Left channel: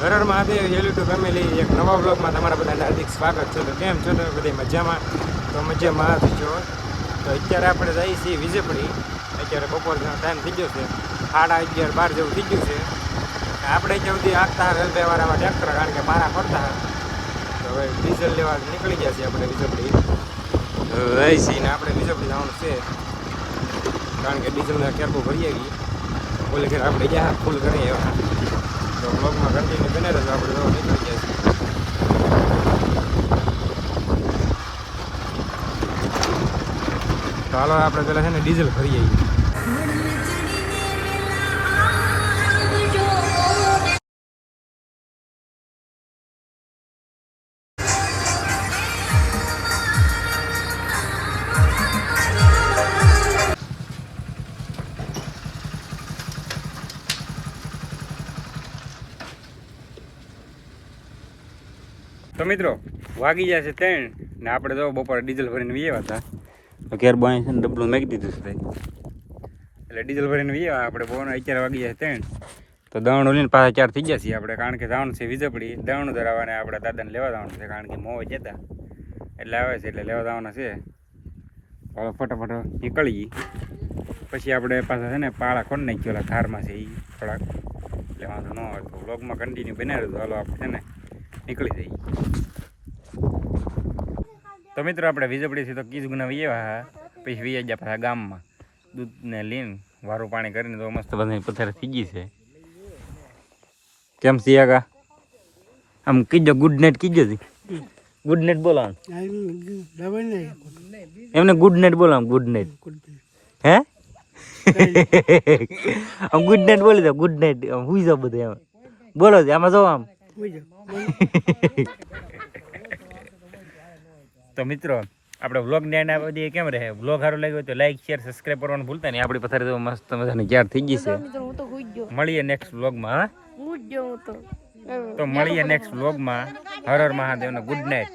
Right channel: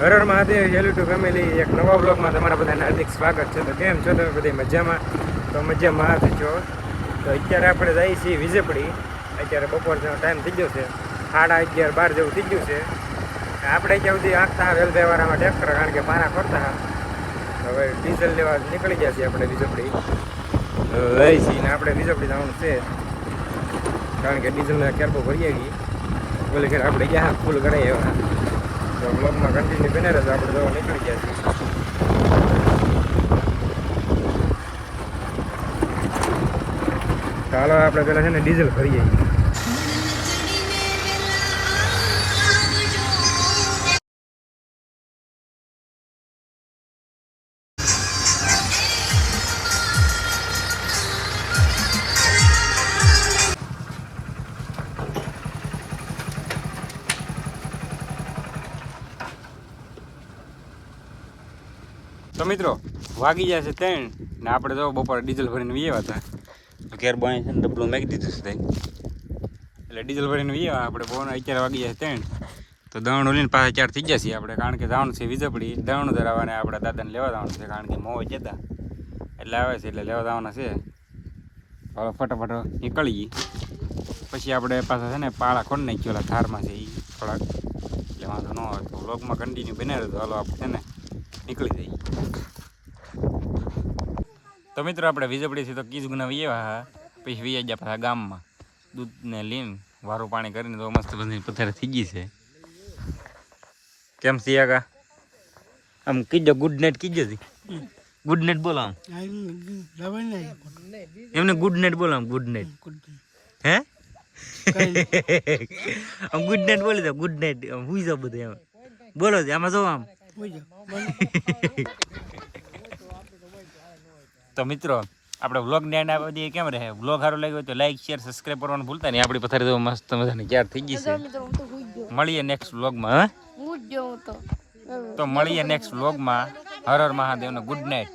Har Har Mahadev YouTube family, એક નવા બ્લોગમાં તમારા બધાને હાર્દિક સ્વાગત છે. તો કેમ છો તમે બધી મજામાં? તો મજામાં જ છો. તો અત્યારે આપણે જઈએ છીએ વિજયપડી. અત્યારે બપોર જેવો ટાઈમ થઈ ગયો છે, 11:30-12 જેવું થઈ ગયું છે. આપણે અત્યાર સુધી આંકતા રેલવેવાળામાં ટ્રેક્ટર, કારણ કે પાણા ફરતા. તો હવે ડીઝલ લેવા નીકળી ગયા છીએ આપણે વિજયપડી. લઈ છીએ ને આપણે વિજયપડી જવાનું છે, કારણ કે ડીઝલના કેરબો ભરી આવી. બોલે છે આપણે ગયા ફૂલ ગણાય એવા. તો બ્લોગમાં કન્ટિન્યુ બને રહેજો. આપણે દવા નીકળી ગયા છીએ. તો હાલો આપણે પેલા છે ને ડીઝલ ભરીએ. તો મિત્રો વાગી ગયા છે 3 ને આપણે તો બપોરે ડીઝલ ભરીને આવ્યા હતા. તો ઘેર બોય છે ને ડબલું નાખી દીધું છે, એટલે ડીઝલ ભરીને આવ્યા આપણે. બહુ અત્યારે વાગી ગયા 3. તો દવણું લઈને પાછા 4 થઈ ગયા છીએ આપણે, કારણ કે જવાનું છે વિજયપડી દવણું ધરાવવાને. આપણે દાદાને લેવા જવાનું છે, કારણ કે મોં જતા એટલે આવે છે, એટલે લેવા જવાના છે. હવે ફટાફટ નીકળીએ. પછી આપણે પાછા છે ને પાળા ખોલી નાખ્યો થારમાં છે એ થોડાક, એટલે વાંધો ન આવે. તો વ્લોગમાં કન્ટિન્યુ બનાવી દો. હાલો આપણે છે ને નીકળી જઈએ. તો મિત્રો આપણે વિજયપડીથી તો કીજ ગુના આવ્યા, પછી વી ગયા પાછા ગામમાં દૂધને લઈને વારું પાણી કરીને. તો મસ્ત બધાની પથારી થઈ ગઈ છે. કેમ સિયાકા આમ કીજો ગુડ નાઇટ કીજો હતી. ગુડ નાઇટ બોલો આમ, એમને ગુડ નાઇટ બોલો આમ. ગુડ નાઇટ હે આમ ગુડ નાઇટ બોલી દો. ગુડ નાઇટ આમ હુઈ જાવ બધા એમ બોલો છે. આમાં જો આમ. તો મિત્રો આપણે વ્લોગ ને એન્ડ બધી કેમ રહે? વ્લોગ સારો લાગ્યો તો લાઈક શેર સબસ્ક્રાઈબ કરવાનું ભૂલતા નહીં. આપણી પથારી તો મસ્ત મજાની ક્યાં થઈ ગઈ છે. મળીએ નેક્સ્ટ વ્લોગમાં. તો મળીએ નેક્સ્ટ વ્લોગમાં. Har Har મહાદેવનો good night.